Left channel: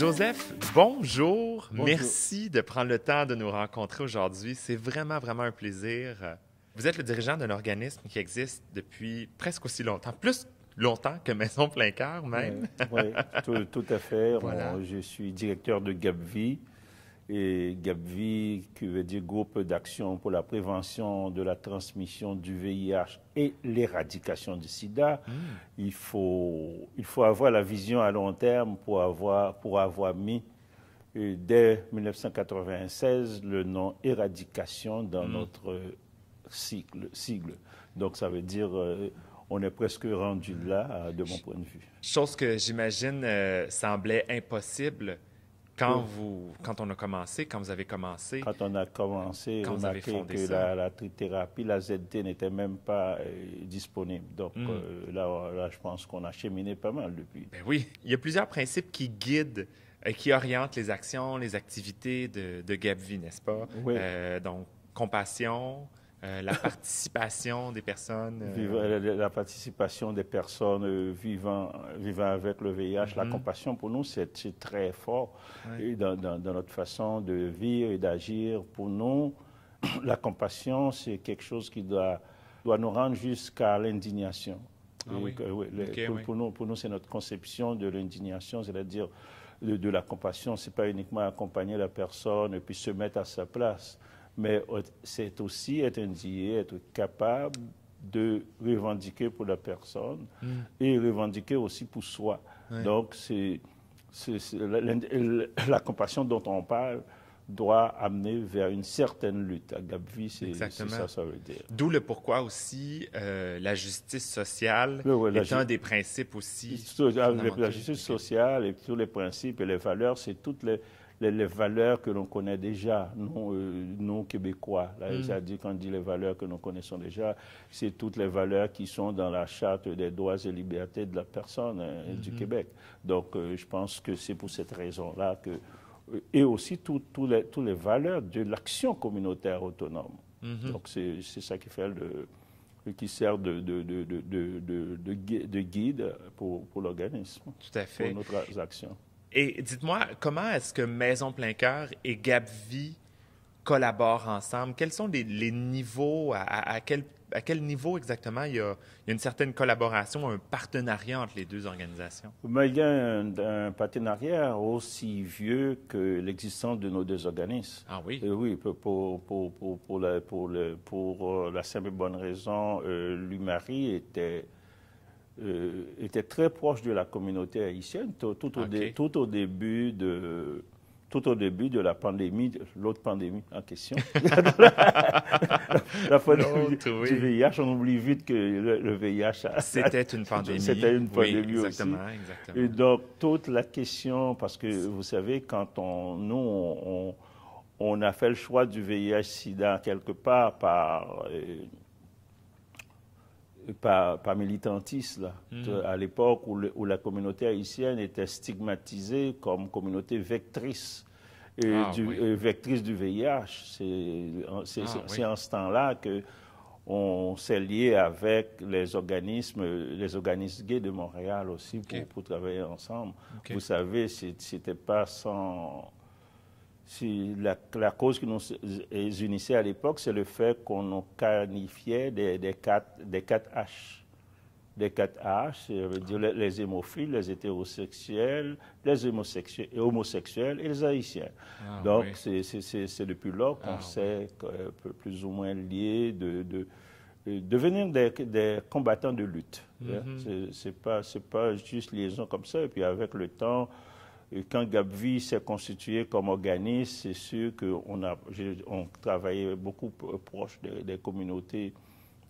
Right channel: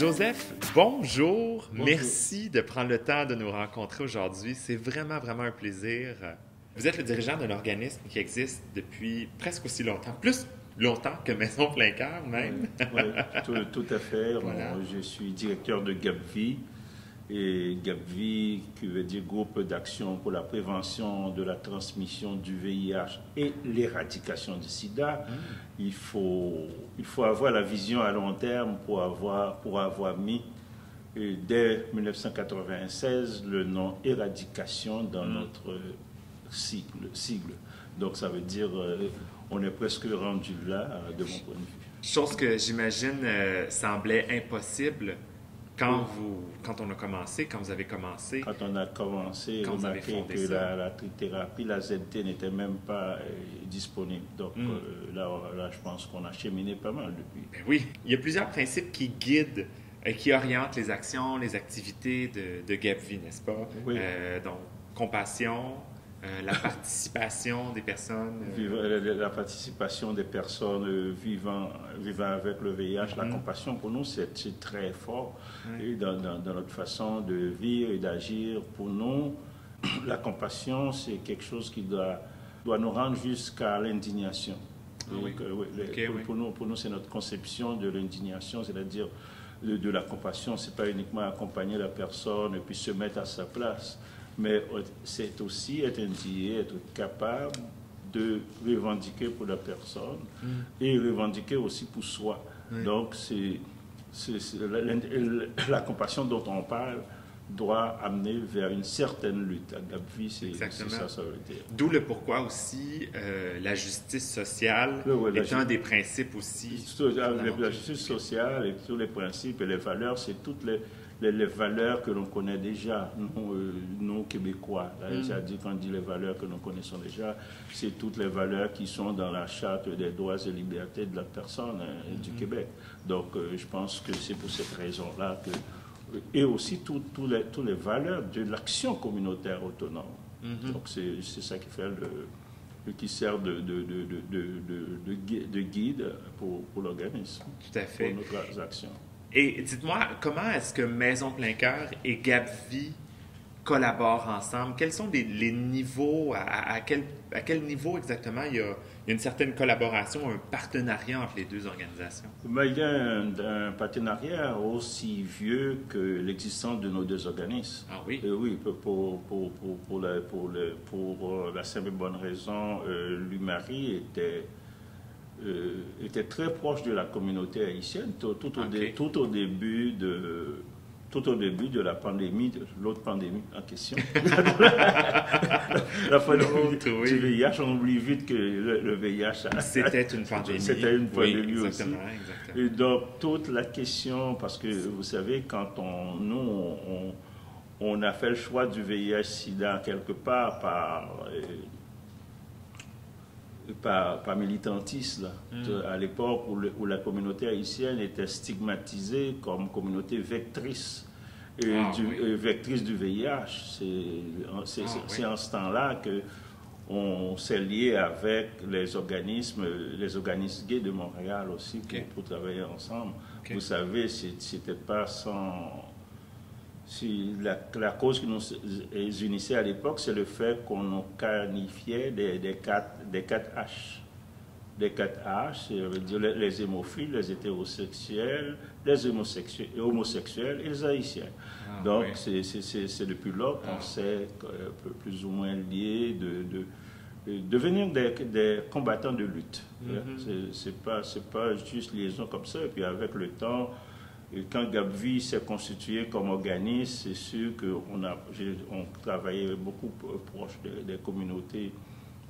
Joseph, bonjour. Bonjour. Merci de prendre le temps de nous rencontrer aujourd'hui. C'est vraiment un plaisir. Vous êtes le dirigeant d'un organisme qui existe depuis presque aussi longtemps, plus longtemps que Maison Plein Cœur même. Oui, tout à fait. Voilà. Je suis directeur de GAPVI. Et GAPVI, qui veut dire Groupe d'action pour la prévention de la transmission du VIH et l'éradication du sida. Il faut avoir la vision à long terme pour avoir mis, dès 1996, le nom éradication dans notre sigle. Donc ça veut dire on est presque rendu là, de mon point de vue. Chose que j'imagine semblait impossible quand on a commencé, quand vous avez commencé. Quand on a commencé, quand on vous a avez fait fondé que ça. la trithérapie, la ZT n'était même pas disponible. Donc là, je pense qu'on a cheminé pas mal depuis. Ben oui, il y a plusieurs principes qui guident, qui orientent les actions, les activités de GAPVI, n'est-ce pas? Oui. Donc, compassion, la participation des personnes. La participation des personnes vivant avec le VIH, la compassion pour nous, c'est très fort. Oui. Et dans notre façon de vivre et d'agir, pour nous, la compassion, c'est quelque chose qui doit nous rendre jusqu'à l'indignation. Ah oui. Pour nous, c'est notre conception de l'indignation, c'est-à-dire de la compassion. Ce n'est pas uniquement accompagner la personne et puis se mettre à sa place, mais c'est aussi être indigné, être capable de revendiquer pour la personne et revendiquer aussi pour soi. Oui. Donc, la compassion dont on parle doit amener vers une certaine lutte. À GAPVI, c'est ça veut dire. D'où le pourquoi aussi la justice sociale est un des principes aussi. La justice sociale et tous les principes et les valeurs, c'est toutes les valeurs que l'on connaît déjà, nous Québécois. C'est-à-dire quand on dit les valeurs que nous connaissons déjà, c'est toutes les valeurs qui sont dans la Charte des droits et libertés de la personne du Québec. Donc je pense que c'est pour cette raison-là que... Et aussi toutes les valeurs de l'action communautaire autonome. Donc c'est ça qui fait qui sert de guide pour l'organisme. Tout à fait. Pour notre action. Et dites-moi, comment est-ce que Maison Plein Cœur et GAPVI collaborent ensemble? Quels sont les niveaux? À quel niveau exactement il y a une certaine collaboration, un partenariat entre les deux organisations? Mais il y a un partenariat aussi vieux que l'existence de nos deux organismes. Ah oui? Et oui, pour la simple et bonne raison, l'UMARI était très proche de la communauté haïtienne tout au début de la pandémie, de l'autre pandémie en question. La pandémie du VIH, on oublie vite que le VIH... C'était une pandémie. C'était une pandémie oui, exactement, aussi. Exactement. Et donc, toute la question, parce que vous savez, quand on a fait le choix du VIH-Sida quelque part par militantisme, à l'époque où la communauté haïtienne était stigmatisée comme communauté vectrice, vectrice du VIH. C'est en ce temps-là qu'on s'est lié avec les organismes gays de Montréal aussi pour travailler ensemble. Vous savez, c'était pas sans... La cause qui nous unissait à l'époque, c'est le fait qu'on nous qualifiait des 4 H. Les 4 H, ça veut dire les hémophiles, les hétérosexuels, les homosexuels et les haïtiens. Donc, c'est depuis là qu'on s'est plus ou moins liés de devenir des combattants de lutte. C'est pas juste liaison comme ça. Et puis, avec le temps, et quand GAPVI s'est constitué comme organisme, c'est sûr qu'on travaillait beaucoup proche des communautés,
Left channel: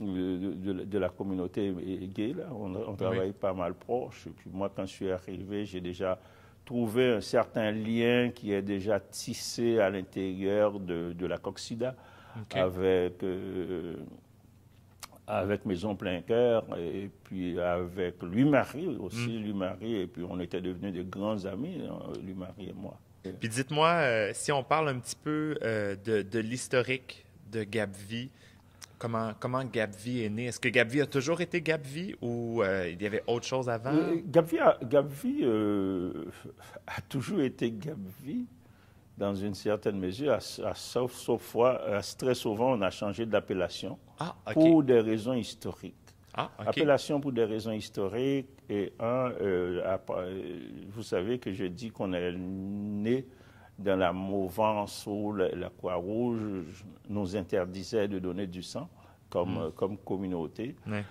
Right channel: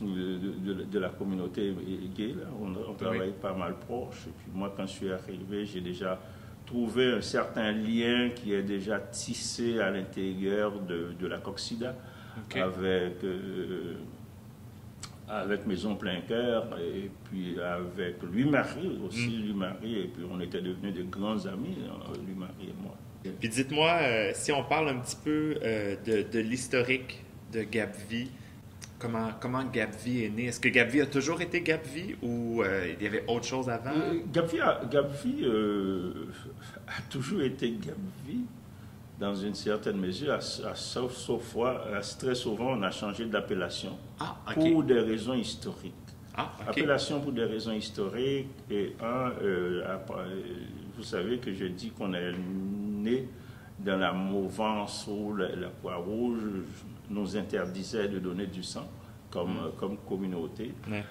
de la communauté gay. Là. On travaillait pas mal proche. Et puis moi, quand je suis arrivé, j'ai déjà trouvé un certain lien qui est déjà tissé à l'intérieur de la COCSIDA avec Maison Plein Cœur et puis avec l'UMARI aussi, et puis on était devenus de grands amis, l'UMARI et moi. Puis dites-moi, si on parle un petit peu de l'historique de GAPVI, comment GapVie est né? Est-ce que GapVie a toujours été GapVie ou il y avait autre chose avant? GapVie a toujours été GapVie dans une certaine mesure, sauf fois, très souvent, on a changé d'appellation pour des raisons historiques. Appellation pour des raisons historiques. Et vous savez que je dis qu'on est né dans la mouvance où la Croix-Rouge nous interdisait de donner du sang comme communauté. Ouais.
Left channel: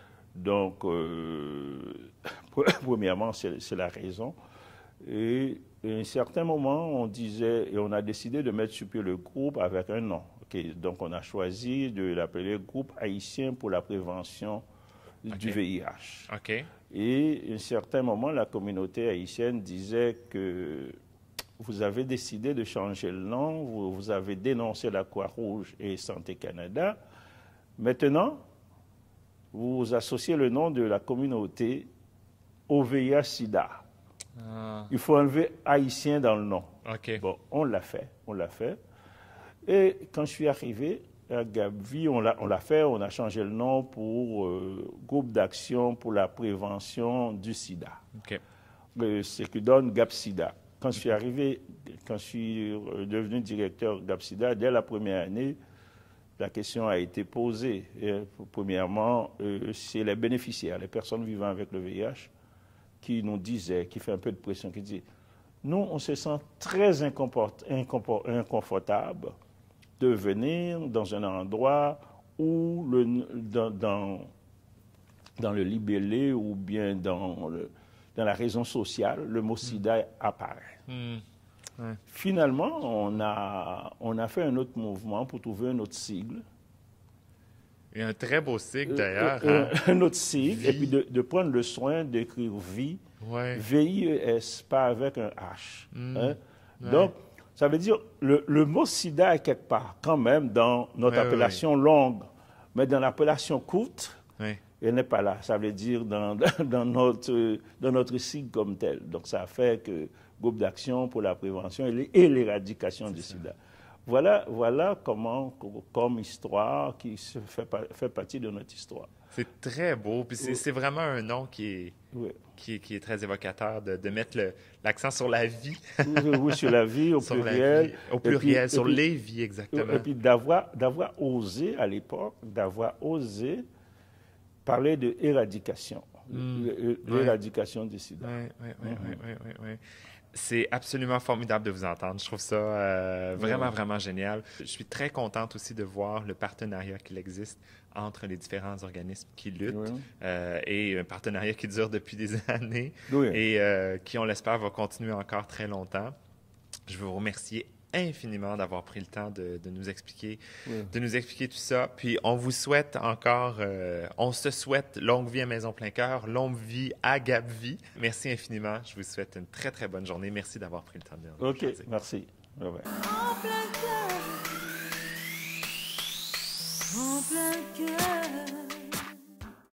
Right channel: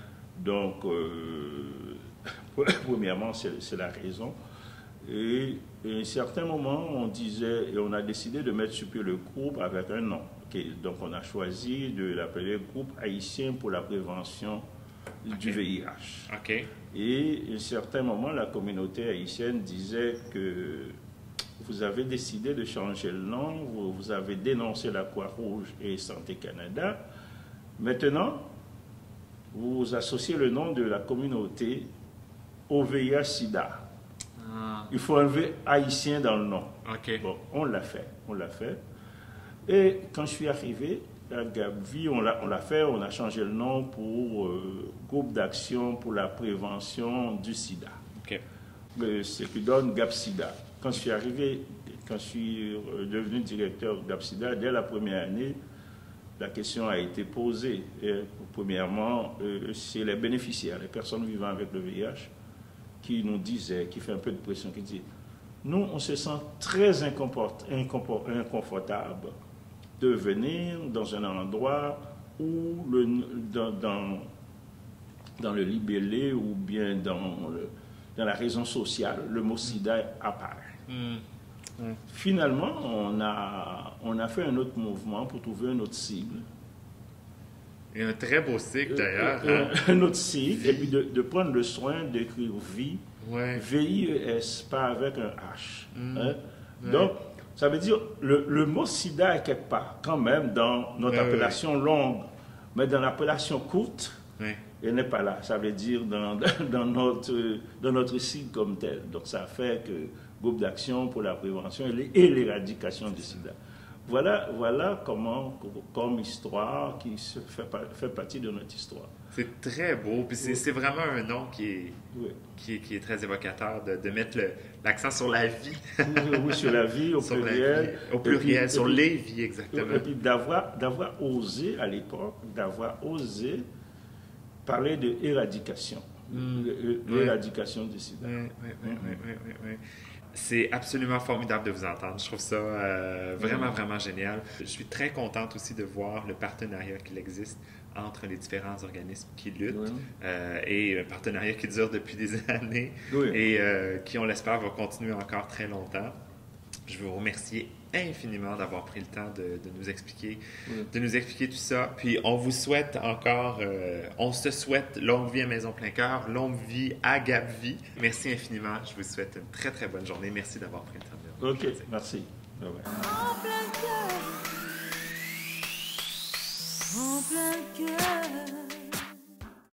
Donc, premièrement, c'est la raison. Et à un certain moment, on disait, et on a décidé de mettre sur pied le groupe avec un nom. Donc, on a choisi de l'appeler Groupe haïtien pour la prévention du VIH. Et à un certain moment, la communauté haïtienne disait que vous avez décidé de changer le nom, vous avez dénoncé la Croix-Rouge et Santé Canada. Maintenant, vous associez le nom de la communauté au VIH-Sida. Il faut enlever haïtien dans le nom. Bon, on l'a fait. Et quand je suis arrivé à GapVie, on l'a fait, on a changé le nom pour Groupe d'action pour la prévention du sida. Ce qui donne GapSida. Quand je suis arrivé, quand je suis devenu directeur GapSida, dès la première année, la question a été posée. Premièrement, c'est les bénéficiaires, les personnes vivant avec le VIH, qui nous disaient, qui fait un peu de pression, qui dit, nous, on se sent très inconfortable de venir dans un endroit où, dans le libellé ou bien dans la raison sociale, le mot sida apparaît. Finalement, on a fait un autre mouvement pour trouver une autre cible. Et un très beau cycle d'ailleurs. Un autre cycle, et puis de prendre le soin d'écrire vie, V-I-E-S, pas avec un H. Donc, ça veut dire le mot sida est quelque part, quand même, dans notre appellation longue, mais dans l'appellation courte, il n'est pas là. Ça veut dire dans notre cycle comme tel. Donc, ça fait que Groupe d'action pour la prévention et l'éradication du sida. Voilà comment, comme histoire, qui fait partie de notre histoire. C'est très beau, puis c'est vraiment un nom qui est très évocateur, de mettre l'accent sur la vie. Oui, sur la vie, au pluriel. Au pluriel, sur les vies, exactement. Et puis d'avoir osé, à l'époque, parler de éradication. L'éradication du sida. Oui. C'est absolument formidable de vous entendre. Je trouve ça vraiment, vraiment génial. Je suis très contente aussi de voir le partenariat qu'il existe entre les différents organismes qui luttent et un partenariat qui dure depuis des années et qui, on l'espère, va continuer encore très longtemps. Je veux vous remercier infiniment d'avoir pris le temps de nous expliquer tout ça. Puis on vous souhaite encore, on se souhaite longue vie à Maison Plein Cœur, longue vie à GapVie. Merci infiniment. Je vous souhaite une très, très bonne journée. Merci d'avoir pris le temps de nous. OK, merci. En plein cœur. En plein cœur.